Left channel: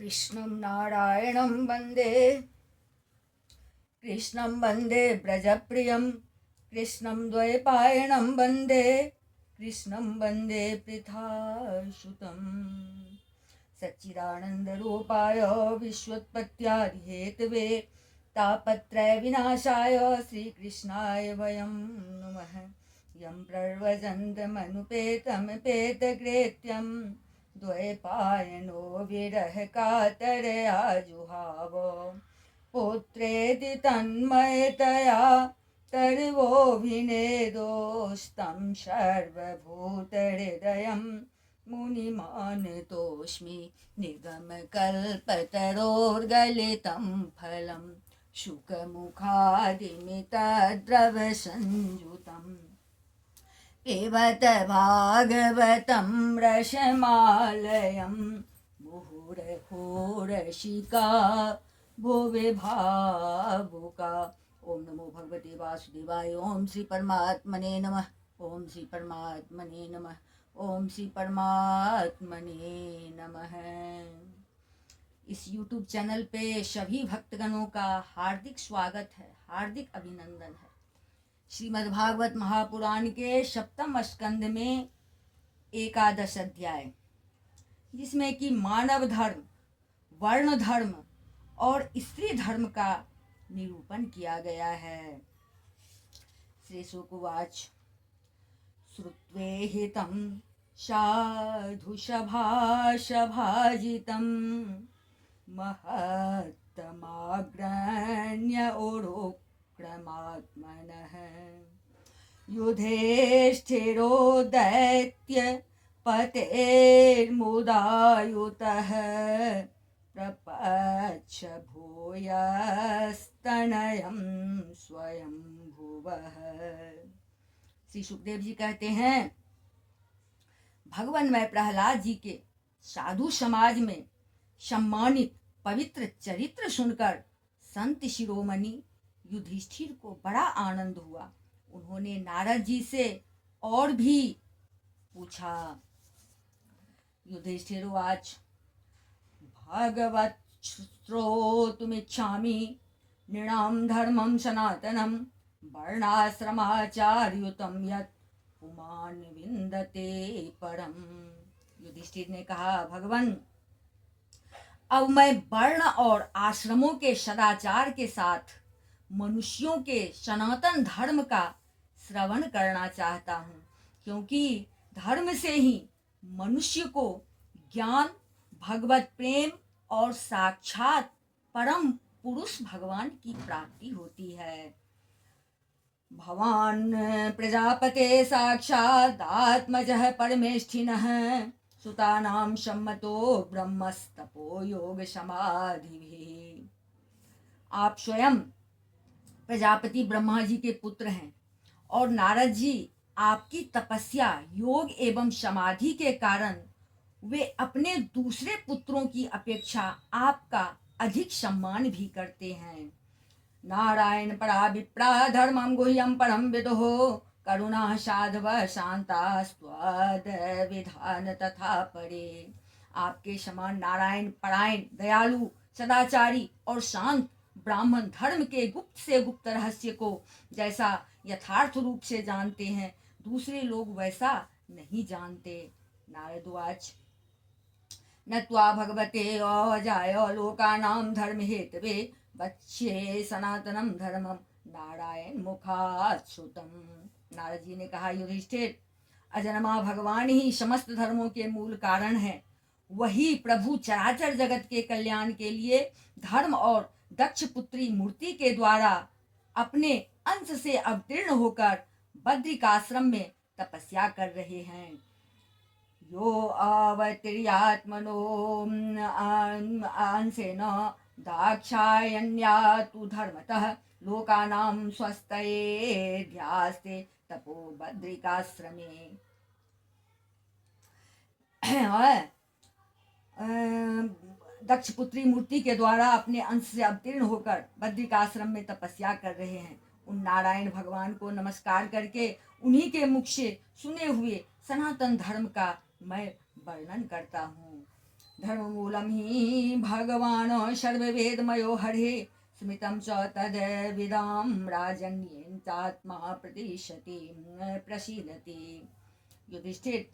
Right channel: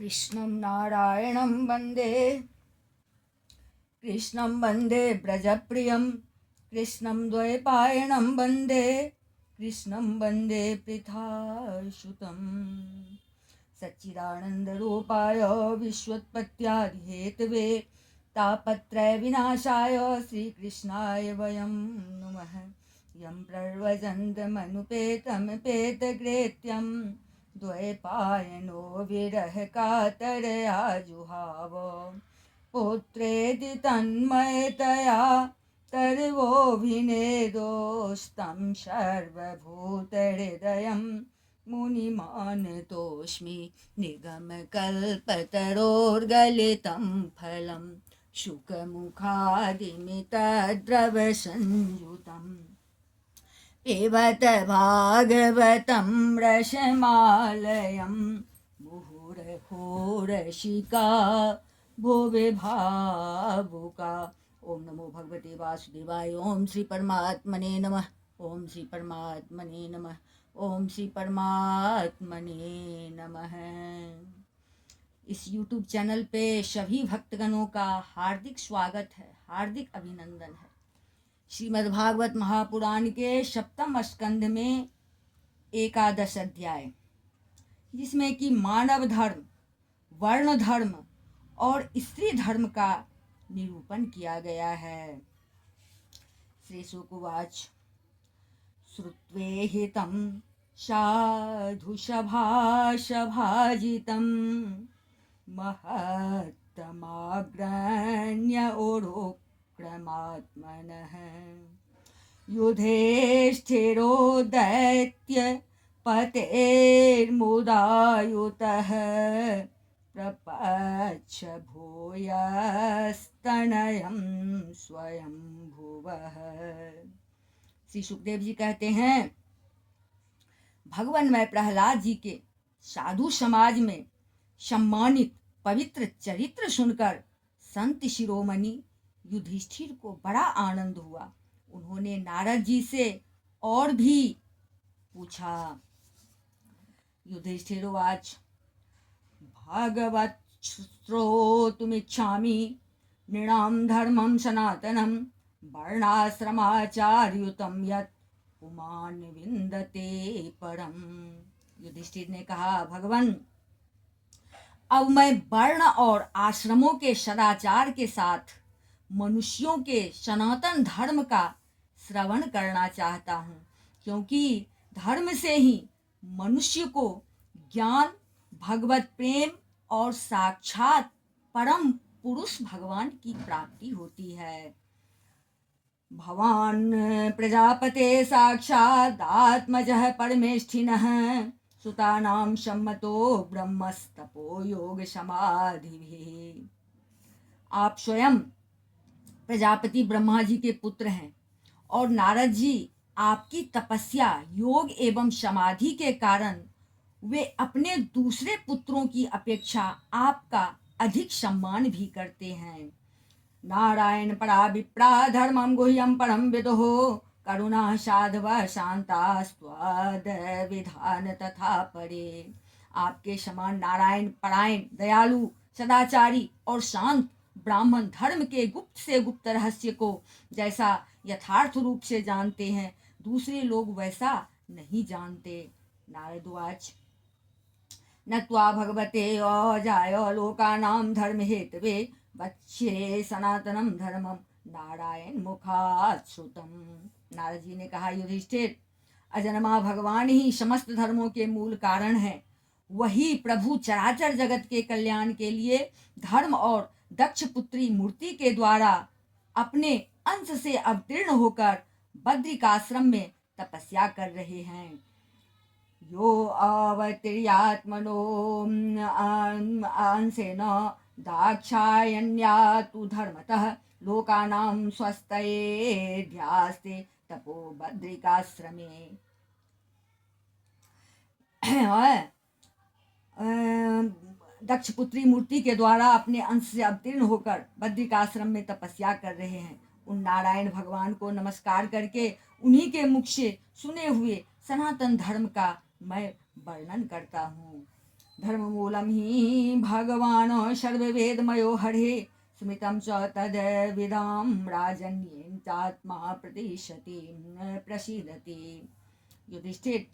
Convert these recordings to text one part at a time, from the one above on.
कृष्णं नारायणं वन्दे कृष्णं वन्दे व्रजप्रियं कृष्णं द्वैपायनं वन्दे कृष्णं वन्दे पृथासुतं सच्चिदानन्दरूपाय विश्वोत्पत्त्यादिहेतवे तापत्रयविनाशाय श्रीकृष्णाय वयं नुमः। यं प्रव्रजन्तमनुपेतमपेतकृत्यं द्वैपायनो विरहकातरया जुहाव पुत्रेति तन्मयतया तर्वोऽभिनेदोस्तं सर्वभूतहृदयं मुनिमानतोऽस्मि निगमकल्पतरोर्गलितं फलं शुकमुखादिमितद्रवसंयुतम् पिबत भागवतं रसमालयं मुहुरहोरसिका भुवि भावुका। ओम नमो भगवते वासुदेवाय। ओम श्री परमात्मने नमः। ओम श्री परमात्मने नमः। ओम श्री परमात्मने नमः। इस YouTube चैनल पे सभी भक्तगणों का हार्दिक स्वागत है, हार्दिक अभिनंदन है। श्रीमद्भागवत महापुराण के सप्तम स्कंध में एकादश अध्याय, जिसमें कि मानव धर्म, वर्ण धर्म और स्त्री धर्म का निरूपण किया गया है। श्री शुकवाच श्रुत्वेहितं साधु सभासभाजितं महत्तमाग्रण्य क्रमात्मनः युधिष्ठिरो दैत्य पतेर्मुदायुतः प्रपच्छ भूयस्तनयं स्वयंभुवः। श्री सुखदेव जी कहते हैं, भगवान में प्रहलाद जी के साधु समाज में सम्मानित पवित्र चरित्र सुनकर संत शिरोमणि युधिष्ठिर को बड़ा आनंद हुआ। उन्होंने नारद जी से और भी पूछा। युधिष्ठिरवाच भागवत श्रोतुमिच्छामि नृणां धर्मं सनातनं वर्णाश्रमाचार्युतं यत् पुमान् विन्दते परम। युधिष्ठिर ने कहा, भगवान, अब मैं वर्ण और आश्रमों के सदाचार के साथ मनुष्यों के सनातन धर्म का श्रवण करना चाहता हूँ, क्योंकि धर्म से ही मनुष्य को ज्ञान, भगवत प्रेम और साक्षात परम पुरुष भगवान की प्राप्ति होती है। भवान प्रजापते साक्षात् आत्मजः परमेष्ठिनः सुतानां सम्मतो ब्रह्मस्तपो योग समाधिभिः। आप स्वयं प्रजापति ब्रह्मा जी के पुत्र हैं और नारद जी आपकी तपस्या, योग एवं समाधि के कारण वे अपने दूसरे पुत्रों की अपेक्षा आपका अधिक सम्मान भी करते हैं। नारायण परा विप्रा धर्मं गुह्यं परम विदुः करुणा साधव शांता स्वाद विधान तथा परे। आपके समान नारायण परायण, दयालु, सदाचारी और शांत ब्राह्मण धर्म के गुप्त से गुप्त रहस्य को जैसा यथार्थ रूप से जानते हैं, दूसरे लोग वैसा नहीं जानते। नारदवाच न त्वा भगवते अजाय लोकानां धर्म हेतवे वच्चे सनातनम धर्मम नारायण मुखात् श्रुतम। नारद जी ने कहा, युधिष्ठिर, अजन्मा भगवान ही समस्त धर्मों के मूल कारण है। वही प्रभु चराचर जगत के कल्याण के लिए धर्म और दक्ष पुत्री मूर्ति के द्वारा अपने अंश से अवतीर्ण होकर बद्रिकाश्रम में तपस्या कर रहे हैं। यो अवतीर्यात्मनो अंशेन दाक्षायण्या तु धर्मतः लोकानां स्वस्तये ध्यास्ते तपो बद्रिकाश्रमे। दक्ष पुत्री मूर्ति के द्वारा अपने अंश से अवतीर्ण होकर बद्रिकाश्रम में तपस्या कर रहे हैं। उन नारायण भगवान को नमस्कार करके उन्हीं के मुख से सुने हुए सनातन धर्म का मैं वर्णन करता हूँ। धर्ममूलं हि भगवान् सर्ववेदमयो हरे स्मृतं च तद्विदां राजन्येन चात्मा प्रतिशति प्रसीदति। युधिष्ठिर,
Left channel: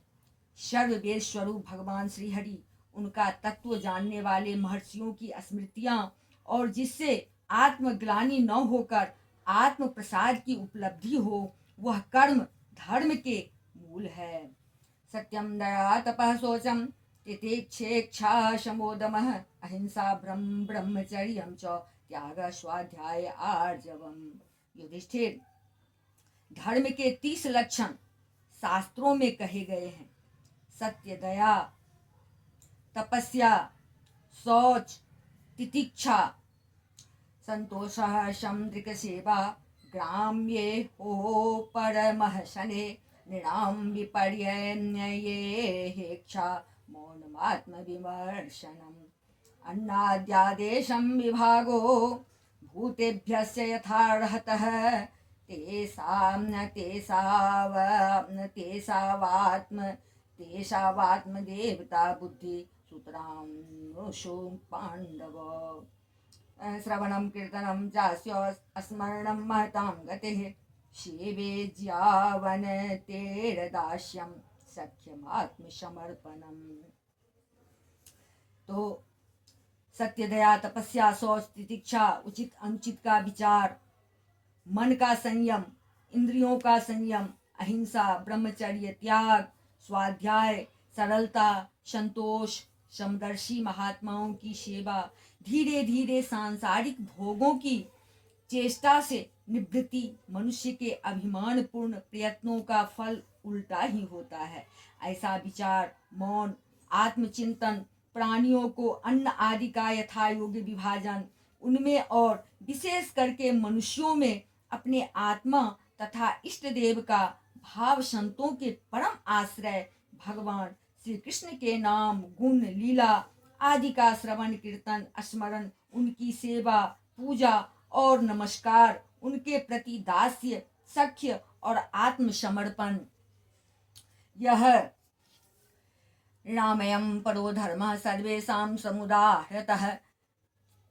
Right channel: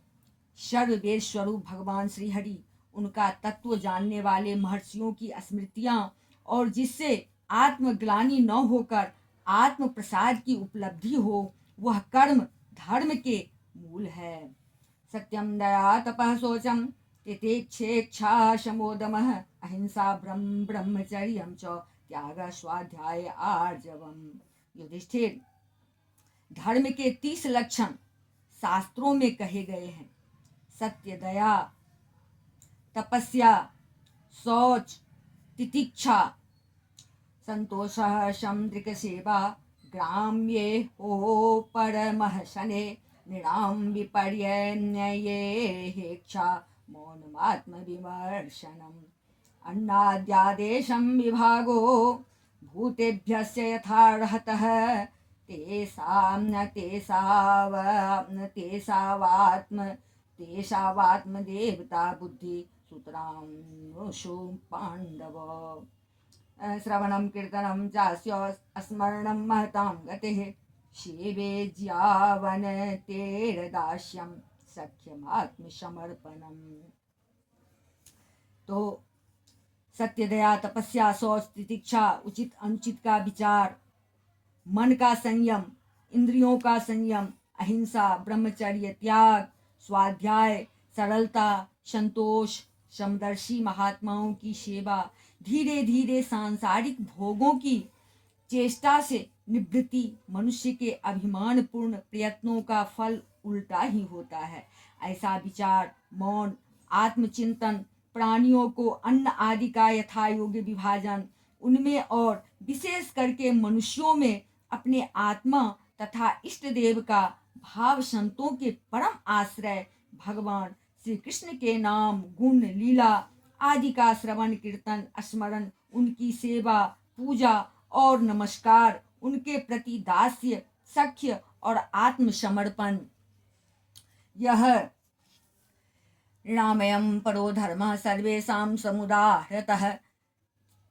सर्ववेद स्वरूप भगवान श्री हरि, उनका तत्व जानने वाले महर्षियों की स्मृतियां और जिससे आत्मग्लानि न होकर आत्म प्रसाद की उपलब्धि हो, वह कर्म धर्म के मूल है। सत्यम दया तपः शौचम तितिक्षेक्षा शमोदमः अहिंसा ब्रह्मचर्यम च त्याग स्वाध्याय आर्जवम। युधिष्ठिर, धर्म के 30 लक्षण शास्त्रों में कहे गए हैं। सत्य, दया, तपस्या, शौच, तितिक्षा, संतोष, शमदृक सेवा, ग्राम्ये हो परमः शने, नृणाम विपर्ययेहेक्षा, मौनमात्म विमर्शनम्। अन्नाद्यादेशं विभागो भूतेभ्यस्य यथार्हतः, तेषावात्मदेवता बुद्धि सूत्रांशु पांडव। श्रवणं कीर्तनं चास्य स्मरणं महतां गतिः, शिवे ज्यावनतेरदास्यं सख्यमात्मसमर्पणम्। तो सत्य, दया, तपस्या, शौच, तितिक्षा, उचित अनुचित का विचार, मन का संयम, इंद्रियों का संयम, अहिंसा, ब्रह्मचर्य, त्याग, स्वाध्याय, सरलता, संतोष, समदर्शी महात्माओं की सेवा, धीरे धीरे सांसारिक भोगों की चेष्टा से निवृत्ति, मनुष्य के अभिमान पूर्ण प्रयत्नों का फल उल्टा ही होता है। ऐसा विचार, मौन, आत्मचिंतन, प्राणियों को अन्न आदि का यथा योग्य विभाजन, उनमें और विशेष करके मनुष्यों में अपने आत्मा तथा इष्ट देव का भाव, संतों के परम आश्रय भगवान श्री कृष्ण के नाम, गुण, लीला आदि का श्रवण कीर्तन, स्मरण, उनकी सेवा, पूजा और नमस्कार, उनके प्रति दास्य, सख्य और आत्मसमर्पण, यह रामयं परो धर्मः सर्वेषां समुदाहृतः,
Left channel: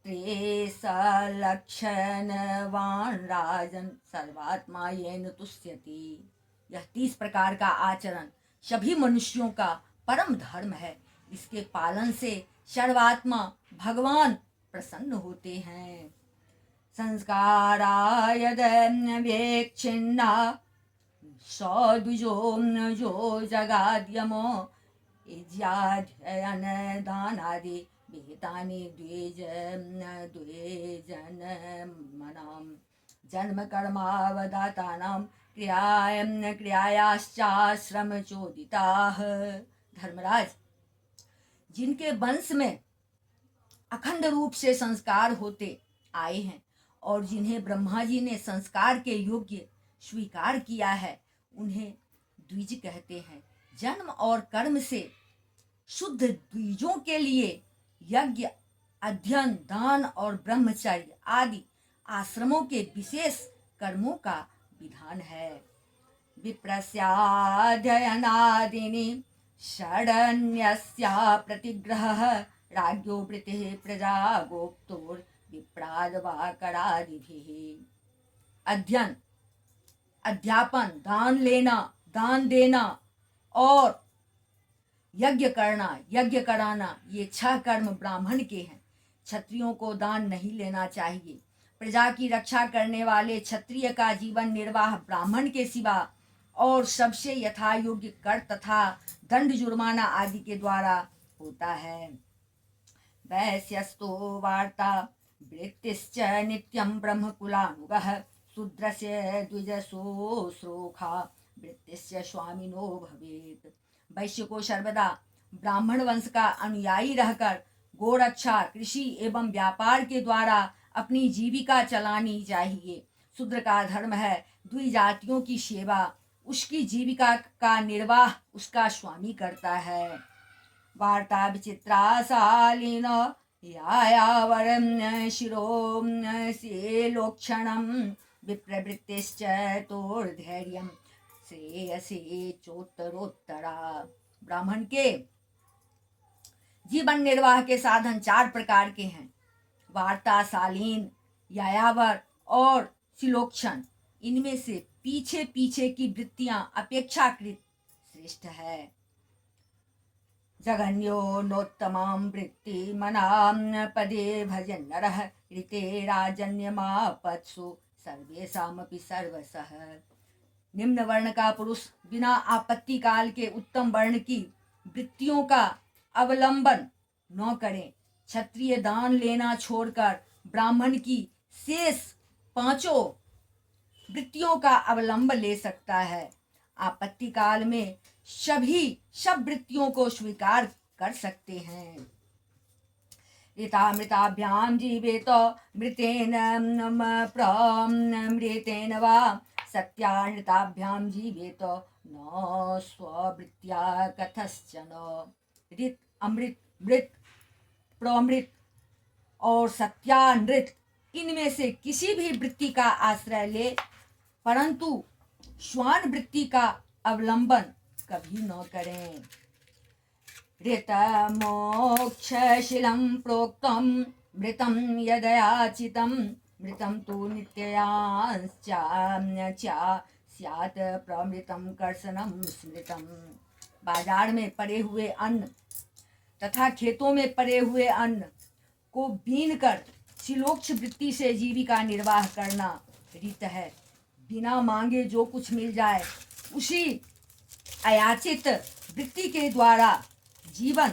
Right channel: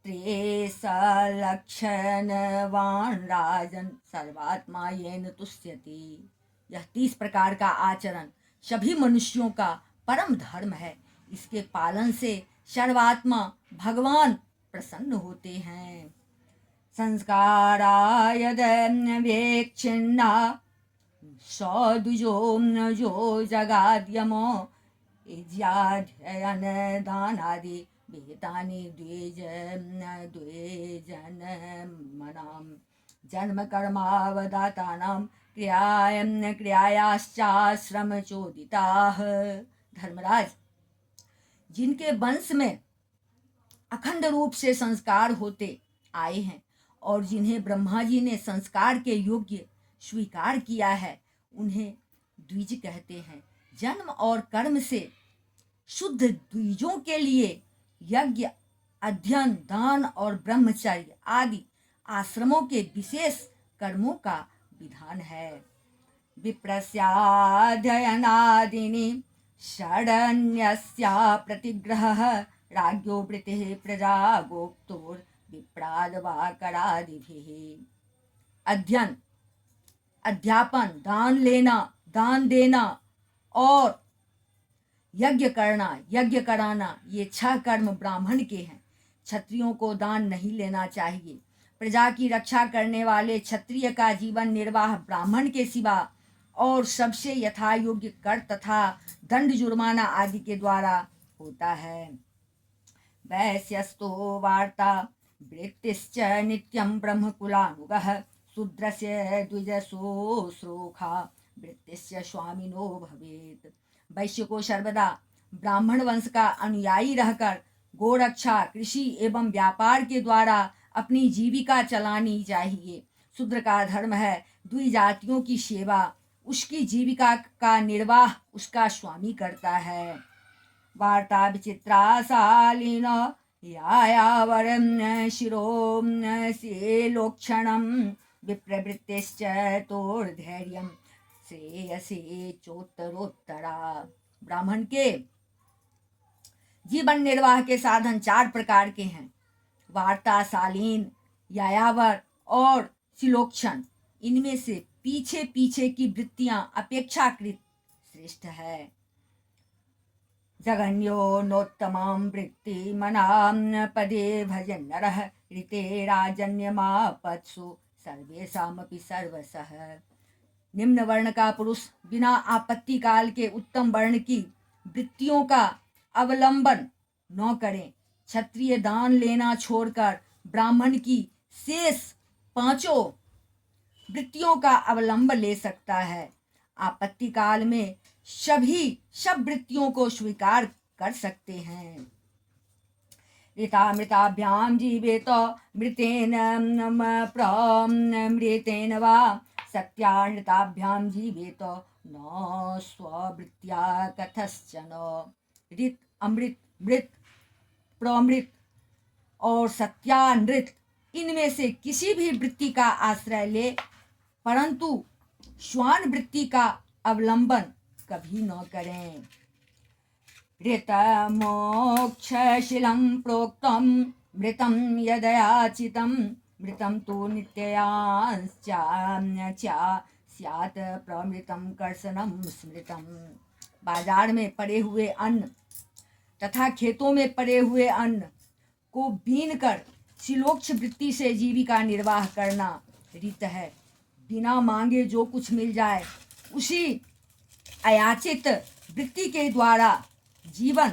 त्रेसलक्षणवान् राजन् सर्वात्मा येन तुष्यति। यह 30 प्रकार का आचरण सभी मनुष्यों का परम धर्म है। इसके पालन से सर्वात्मा भगवान प्रसन्न होते हैं। संस्काराय वेक्षिन्ना सौदुजो जो जगाद्यमो इज्याध्ययन दानादि विहितानि द्विजन मनाम जन्म कर्मावदातानां क्रियायाश्चाश्रम चोदिताः। धर्मराज, जिनके वंश में अखंड रूप से संस्कार होते आए हैं और जिन्हें ब्रह्मा जी ने संस्कार के योग्य स्वीकार किया है, उन्हें द्विज कहते हैं। जन्म और कर्म से शुद्ध द्विजों के लिए यज्ञ, अध्ययन, दान और ब्रह्मचर्य आदि आश्रमों के विशेष कर्मों का विधान है। विप्रस्याध्ययनादीनि षडन्यस्या प्रतिग्रहः राज्ञो वृत्तिः प्रजा गोप्तोर विप्रादवा करादिभिः। अध्ययन, अध्यापन, दान लेना, दान देना और यज्ञ करना, यज्ञ कराना, ये 6 कर्म ब्राह्मण के हैं। क्षत्रियों को दान नहीं लेना चाहिए। प्रजा की रक्षा करने वाले क्षत्रिय का जीवन निर्वाह ब्राह्मण के सिवा और सबसे यथा योग्य कर तथा दंड जुर्माना आदि के द्वारा होता है। वैश्यस्तो वार्ता वृत्तिश्च नित्यं ब्रह्मकुलानुगः शूद्रस्य द्विजशुश्रूषा वृत्तिश्च स्वामिनो भवेत्। वैश्य को सर्वदा ब्राह्मण वंश का अनुयायी रहकर गोरक्षा, कृषि एवं व्यापार के द्वारा अपनी जीविका चलानी चाहिए। शूद्र का धर्म है द्विजातियों की सेवा, उसकी जीविका का निर्वाह उसका स्वामी करता है। वार्ता विचित्रा शालीन यायावरं शिरो शीलोक्षणं विप्रवृत्तिश्च तोर्धैर्यं श्रेयसे चोत्तरोत्तरा। ब्राह्मण के जीवन निर्वाह के साधन 4 प्रकार के हैं: वार्ता, शालीन, यायावर और शिलोक्षण। इनमें से पीछे पीछे की वृत्तियां अपेक्षाकृत श्रेष्ठ है। जगन्यो नोत्तमां वृत्ति मनां पदे भजन नरः ऋते राजन्यमापत्सु सर्वेषामपि सर्वसः। निम्न वर्ण का पुरुष बिना आपत्ति काल के उत्तम वर्ण की वृत्तियों का अवलंबन न करें। क्षत्रिय दान लेना छोड़कर ब्राह्मण की शेष 5 वृत्तियों का अवलंब ले सकता है। आपत्ति काल में सब वृत्तियों को स्वीकार कर सकते हैं। ऋतामृताभ्यां जीवेत मृतेन प्रमृतेन वा सत्यानृताभ्यां जीवेत न स्ववृत्त्या कथश्चन। ऋत, अमृत, मृत, प्रमृत और सत्यानृत, इनमें से किसी भी वृत्ति का आश्रय ले, परंतु श्वान वृत्ति का अवलंबन कभी न करें। ऋतमोक्षशीलं प्रोक्तं मृतं यदयाचितं मृतं तु नित्याश्चा स्यात् प्रमृतं कर्षणं स्मृतम्। बाजार में पड़े हुए अन्न तथा खेतों में पड़े हुए अन्न को बीन कर शिलोक्ष वृत्ति से जीविका निर्वाह करना रीत है। बिना मांगे जो कुछ मिल जाए उसी अयाचित वृत्ति के द्वारा जीवन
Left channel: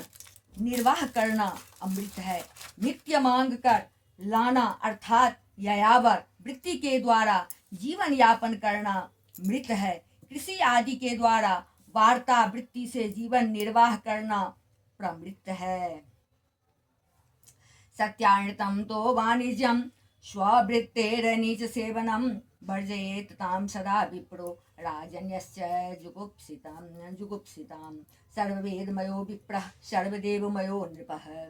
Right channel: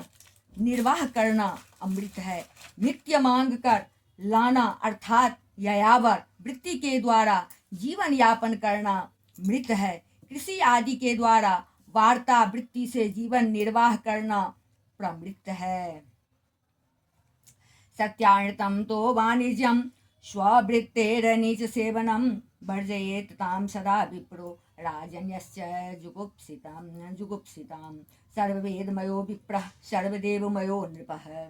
निर्वाह करना अमृत है। नित्य मांग कर लाना अर्थात यायावर वृत्ति के द्वारा जीवन यापन करना मृत है। कृषि आदि के द्वारा वार्ता वृत्ति से जीवन निर्वाह करना प्रमृत है। सत्यानृतं तो वाणिज्यं स्ववृत्तेरनीच सेवनं वर्जयेत् तां सदा विप्रो राजन्यश्च जुगुप्सितां सर्ववेदमयो विप्रः सर्वदेवमयो नृपः।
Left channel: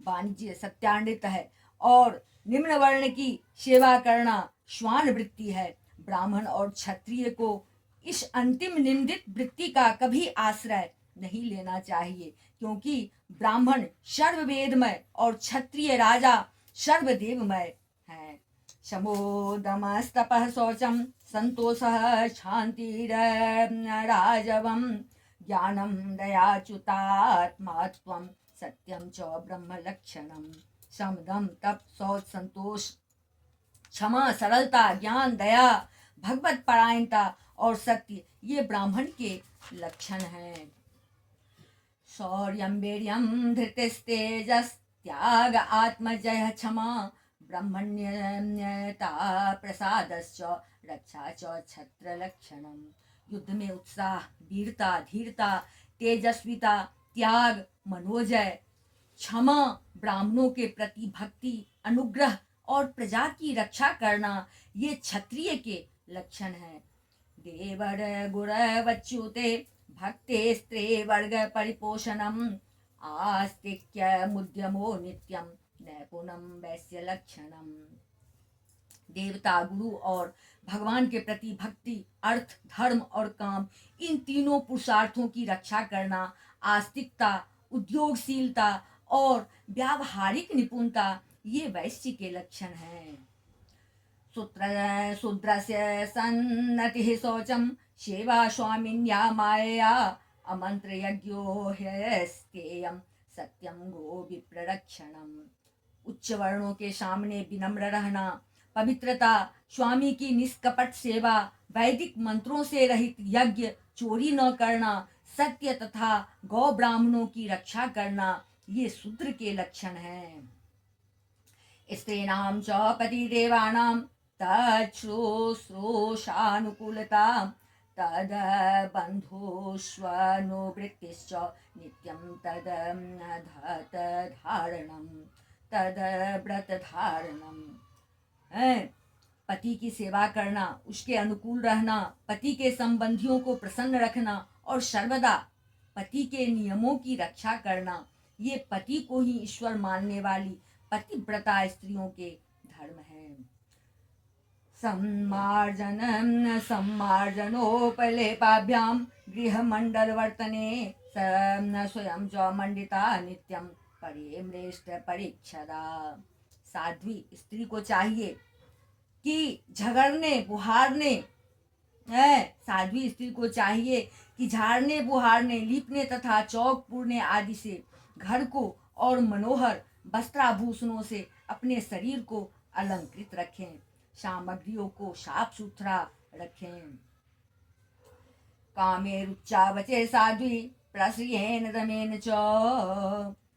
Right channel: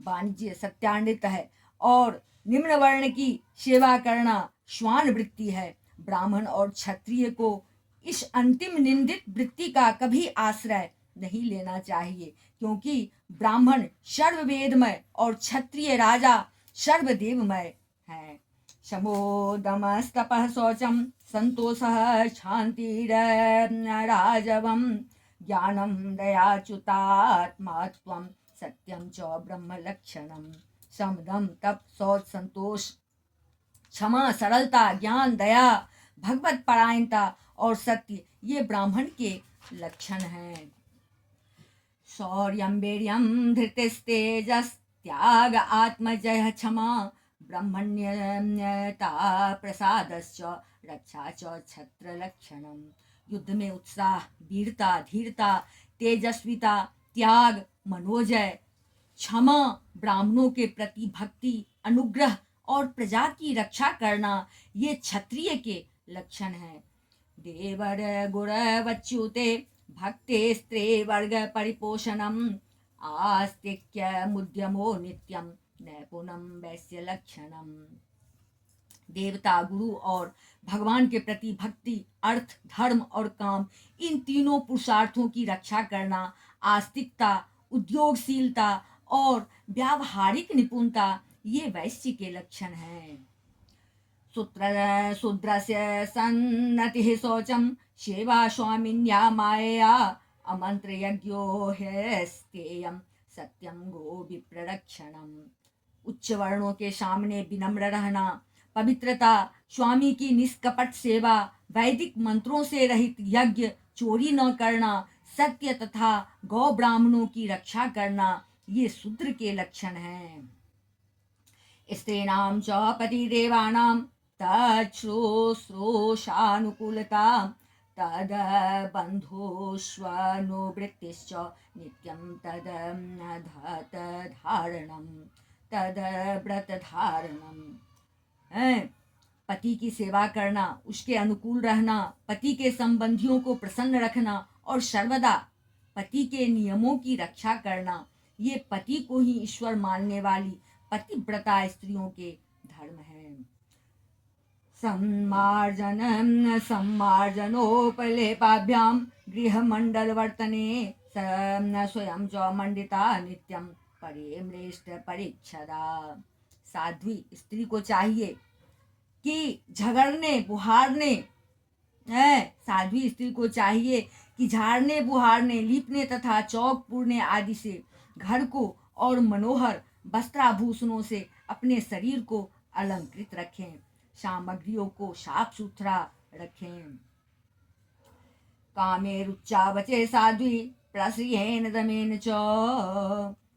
वाणिज्य सत्यानृत है और निम्न वर्ण की सेवा करना श्वान वृत्ति है। ब्राह्मण और क्षत्रिय को इस अंतिम निंदित वृत्ति का कभी आश्रय नहीं लेना चाहिए, क्योंकि ब्राह्मण सर्ववेदमय और क्षत्रिय राजा सर्वदेवमय है। शमोदमस्तपः शौचं संतोषः शान्तिराजवं ज्ञानं दयाच्युतात्मात्वं सत्यं च ब्रह्मलक्षणम्। समदम, तप, शौच, संतोष, क्षमा, सरलता, ज्ञान, दया, भगवत परायणता और सत्य ये ब्राह्मण के लक्षण हैं। शौर्यं वीर्यं धृतिस्तेजस् त्याग आत्मजय क्षमा ब्रह्मण्यता प्रसादश्च रक्षा च छत्र लक्षणम्। युद्ध में उत्साह, वीरता, धीरता, तेजस्विता, त्याग, मनोजय, क्षमा, ब्राह्मणों के प्रति भक्ति, अनुग्रह और प्रजा की रक्षा करना ये क्षत्रिय के लक्षण हैं। देवर गुर वच्युते भक्ते स्त्रे वर्ग परिपोषणम आस्तिक्य मुद्यमो नित्यम नैपुणम वैश्य लक्षणम। देवता, गुरु और भगवान के प्रति भक्ति, अर्थ, धर्म और काम, इन तीनों पुरुषार्थों की रक्षा करना, आस्तिकता, उद्योगशीलता और व्यावहारिक निपुणता ये वैश्य के लक्षण हैं। शूद्रस्य सन्नतिः शौचं सेवा स्वामिन्या मायया अमंत्र यज्ञो ह्यस्तेयं सत्यं गो विप्ररक्षणम्। उच्च वर्णों के सामने विनम्र रहना, पवित्रता, स्वामी की निष्कपट सेवा, वैदिक मंत्रों से रहित यज्ञ, चोरी न करना, सत्य तथा गौ ब्राह्मणों की रक्षा करना ये शूद्र के लक्षण हैं। स्त्रीणां च पतिदेवानां तच्छ्रूषानुकूलता तद बन्धुष्वनुवृत्तिश्च नित्यं तद धारणं तद व्रतधारणम्। पति की सेवा करना, उसके अनुकूल रहना, पति के संबंधियों को प्रसन्न रखना और सर्वदा पति के नियमों की रक्षा करना ये पति को ही ईश्वर मानने वाली पतिव्रता स्त्रियों के धर्म है। सम्मार्जनोपलेपाभ्यां गृहमंडलवर्तने स्वयं च मंडिता नित्यं परिमृष्ट परीक्षदा। साध्वी स्त्री को चाहिए कि झगड़ने बुहारने साध्वी स्त्री को चाहिए कि झाड़ने बुहारने, लीपने तथा चौक पूरने आदि से घर को और मनोहर वस्त्राभूषणों से अपने शरीर को अलंकृत रखें, सामग्रियों को साफ सुथरा रखें। कामे रुचा वचे साध्वी प्रश्रियेन दमेन च,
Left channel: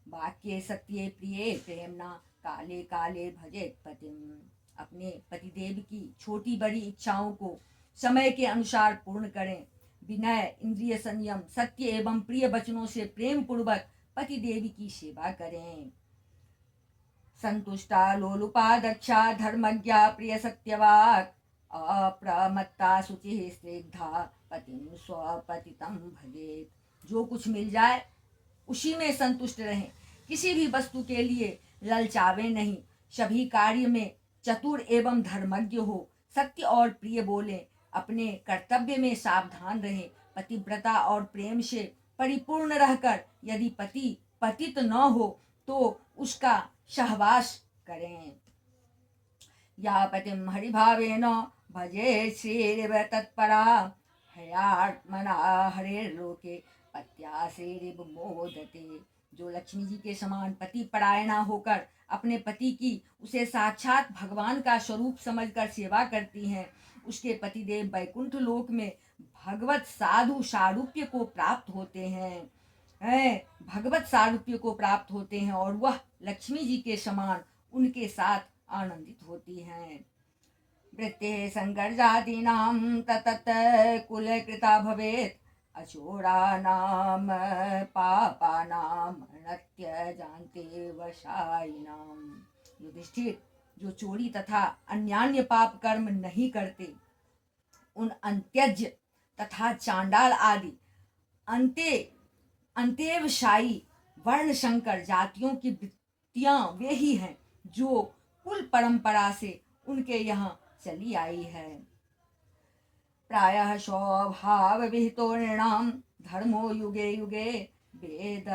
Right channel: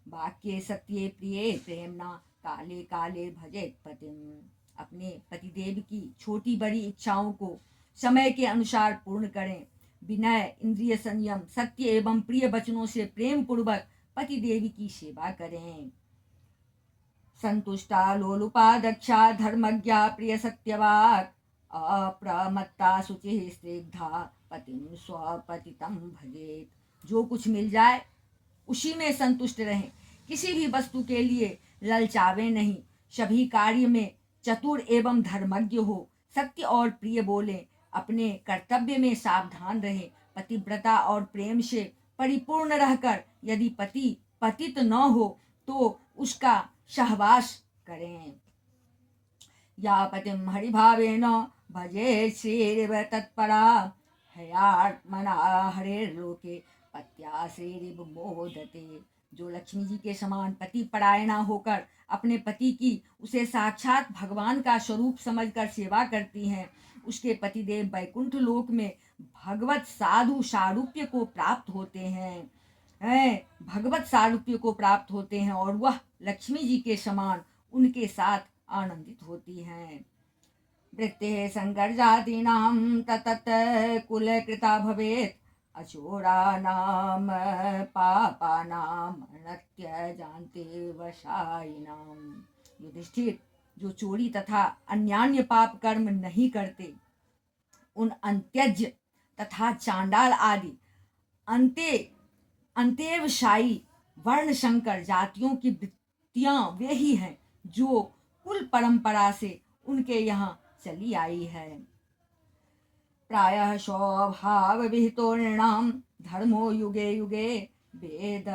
वाक्ये सत्ये प्रिये प्रेमना, काले काले भजेत पतिम। अपने पतिदेव की छोटी बड़ी इच्छाओं को समय के अनुसार पूर्ण करें। विनय, इंद्रिय संयम, सत्य एवं प्रिय वचनों से प्रेम पूर्वक पतिदेव की सेवा करें। संतुष्टा लोलुपा दक्षा धर्मज्ञा प्रिय सत्यवाक, अप्रमत्ता शुचि स्निग्धा पतिम स्वपतितम भजेत। जो कुछ मिल जाए उसी में संतुष्ट रहें, किसी भी वस्तु के लिए ललचावे नहीं, सभी कार्य में चतुर एवं धर्मज्ञ हो, सत्य और प्रिय बोलें, अपने कर्तव्य में सावधान रहें, पतिव्रता और प्रेम से परिपूर्ण रहकर यदि पति पतित न हो तो उसका सहवास करें। या पतिम हरिभावेन भजे श्रीरिव तत्परा, हयात्मना हरेर्लोके पत्या श्रीरिव मोदते। जो लक्ष्मी जी के समान पति परायणा होकर अपने पति की उसे साक्षात भगवान का स्वरूप समझकर सेवा करती हैं, उसके पतिदेव वैकुंठ लोक में भगवत साधु सारूप्य को प्राप्त होते हैं, भगवत सारूप्य को प्राप्त होते हैं और वह लक्ष्मी जी के समान उनके साथ आनंदित होती हैं। वृत्ते संकर जातीनां ततत कुल कृता भवेत्, अचोरानां पापानां नत्य जानते वशायिनां। युधिष्ठिर, जो चोरी तथा अन्यान्य पाप कर्म नहीं करते, उन अंत्यज तथा चांडाल आदि अंत्यवशायी वर्ण संकर जातियों की वृत्तियां वे ही हैं जो कुल परंपरा से उनके यहाँ चली आई है। प्रायः स्वभाव विहितो नृणां धर्मो युगे युगे, वेद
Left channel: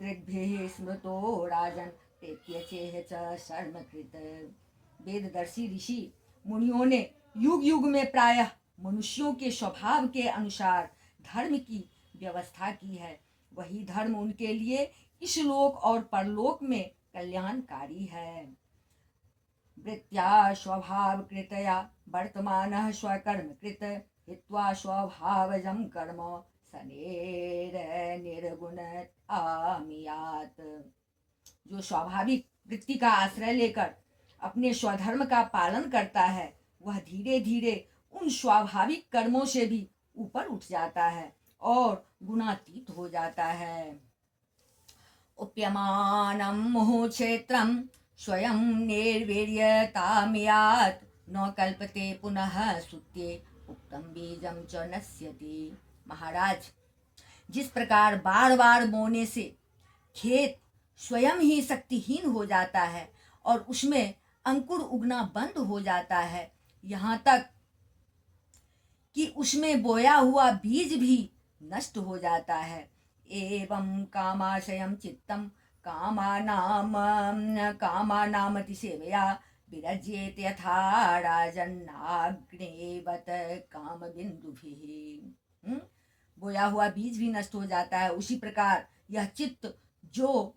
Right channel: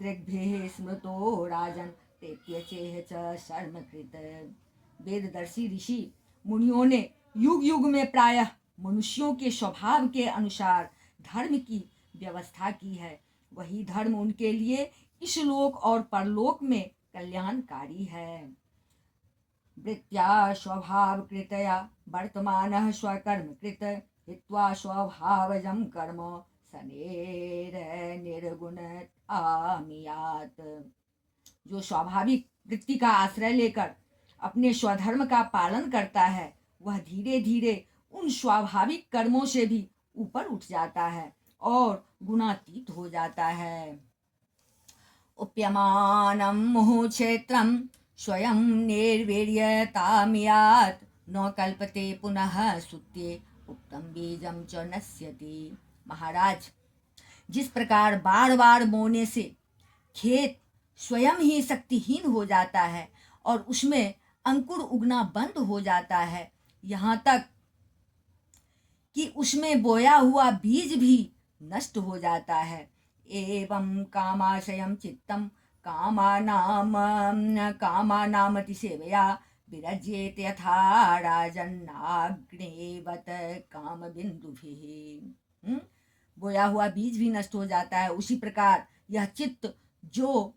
दृग्भिः स्मृतो राजन तेत्यचेह च शर्मकृत। वेददर्शी ऋषि मुनियों ने युग युग में प्रायः मनुष्यों के स्वभाव के अनुसार धर्म की व्यवस्था की है, वही धर्म उनके लिए इस लोक और परलोक में कल्याणकारी है। वृत्त्या स्वभाव कृतया वर्तमानः स्वकर्म कृत, हित्वा स्वभावजं कर्म सनेर निर्गुण आमियात। जो स्वाभाविक वृत्ति का आश्रय लेकर अपने स्वधर्म का पालन करता है, वह धीरे धीरे उन स्वाभाविक कर्मों से भी ऊपर उठ जाता है और गुणातीत हो जाता है। उप्यमानं मुहुक्षेत्रं स्वयं निर्वीर्यतामियात्, न कल्पते पुनः सुत्ये उक्तं बीजं च नश्यति। महाराज, जिस प्रकार बार बार बोने से खेत स्वयं ही शक्तिहीन हो जाता है और उसमें अंकुर उगना बंद हो जाता है, यहाँ तक कि उसमें बोया हुआ बीज भी नष्ट हो जाता है। एवं कामाशयं चित्तं कामानामतिसेवया विरज्येत यथा राजन्नाग्नेवत कामबिन्दुभिः। बोया हुआ बीज भी नष्ट हो जाता है, उसी प्रकार यह चित्त जो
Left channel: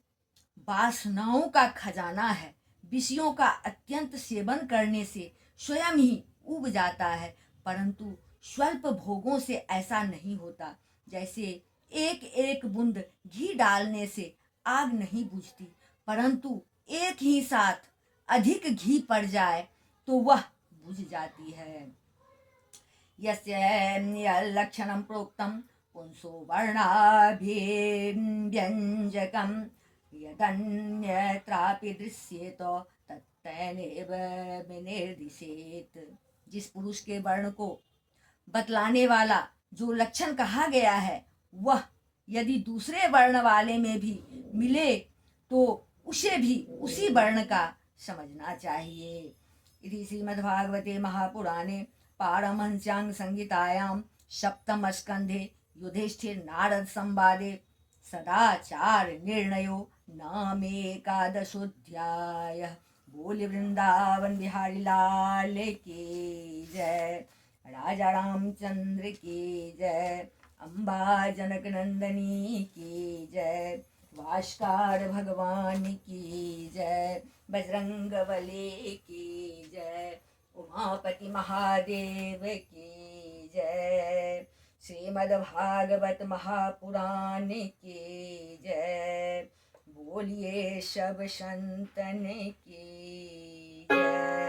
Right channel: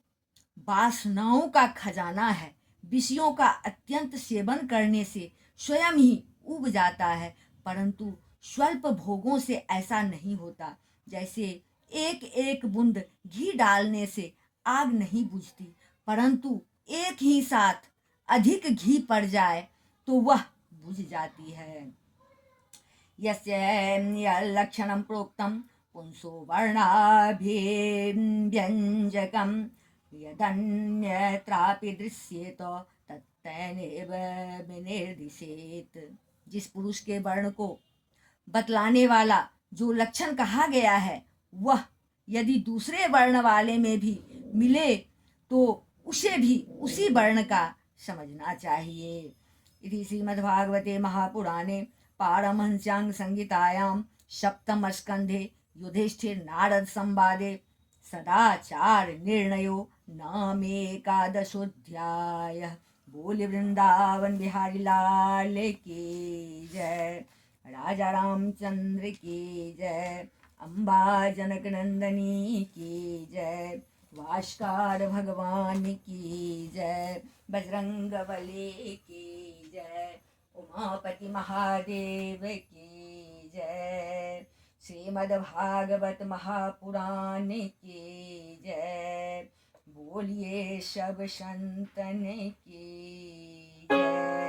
वासनाओं का खजाना है, विषयों का अत्यंत सेवन करने से स्वयं ही उब जाता है, परंतु स्वल्प भोगों से ऐसा नहीं होता। जैसे एक एक बूंद घी डालने से आग नहीं बुझती, परंतु एक ही साथ अधिक घी पड़ जाए तो वह बुझ जाती है। यस्य लक्षणं प्रोक्तं पुंसो वर्णाभिव्यञ्जकं, यदन्यत्रापि दृश्येत तत्तेनैव विनिर्दिशेत्। जिस पुरुष के वर्ण को बतलाने वाला जो लक्षण कहा गया है, वह यदि दूसरे वर्ण वाले में भी मिले तो उसे भी उसी वर्ण का समझना चाहिए। इति श्रीमद्भागवते महापुराणे पारमहंस्यां संहितायां सप्तम स्कंधे युधिष्ठिर नारद संवादे सदाचार निर्णयो नाम एकादशोऽध्यायः। बोले वृंदावन बिहारी लाल की जय। राजा रामचंद्र की जय। अम्बा जनक नंदनी की जय। भास्कर भगवान की जय। बजरंग बली की जय। उमापति महादेव की जय। श्रीमद्भागवत महापुराण की जय। बोलिए सब संतन की जय।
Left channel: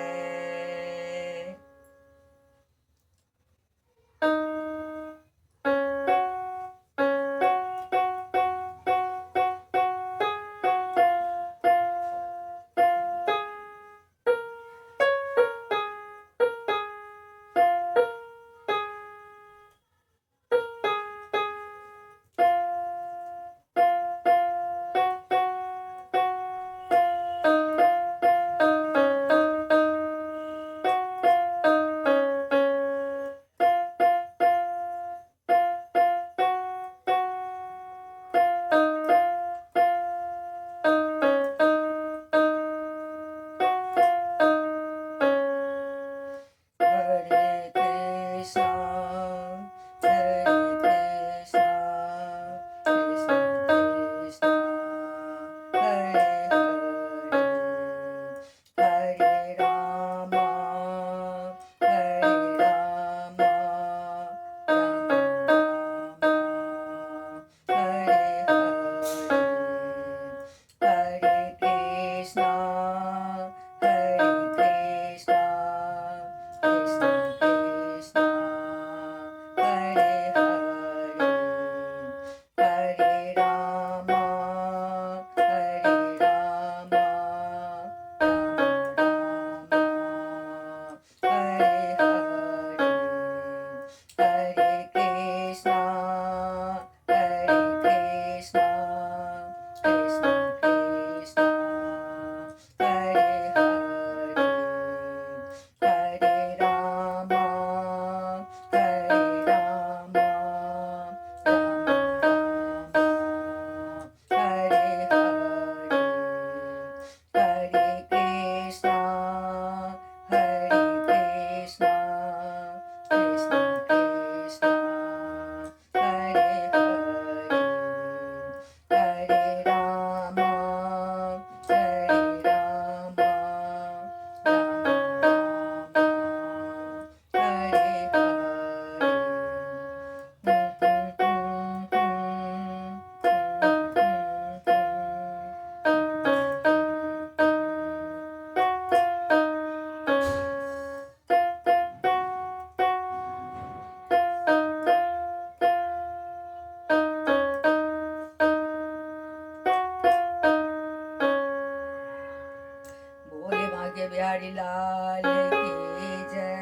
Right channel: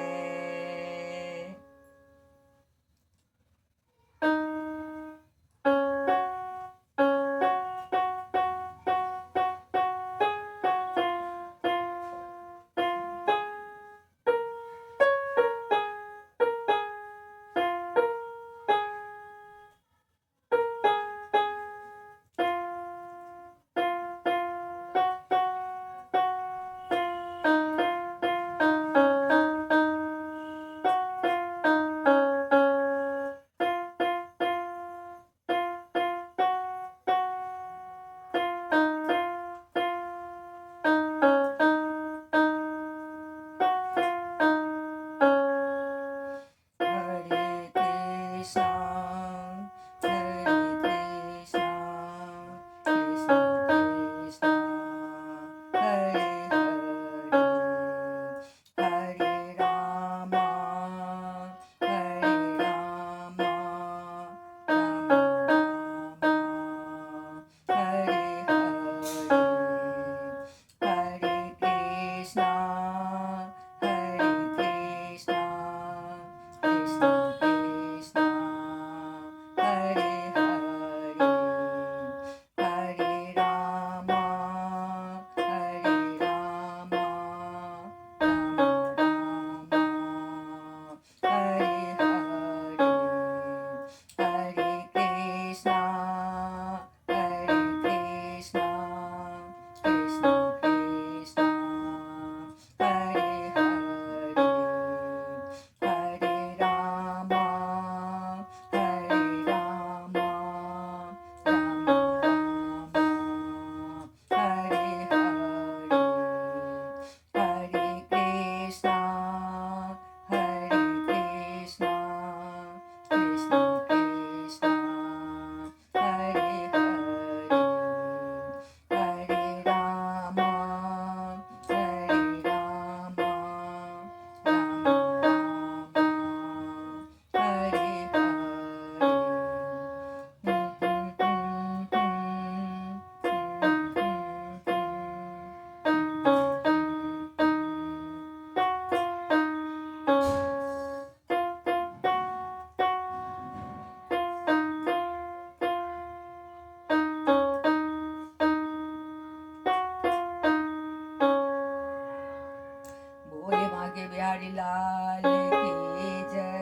बोले भाग्य बिहारी लाल की जय।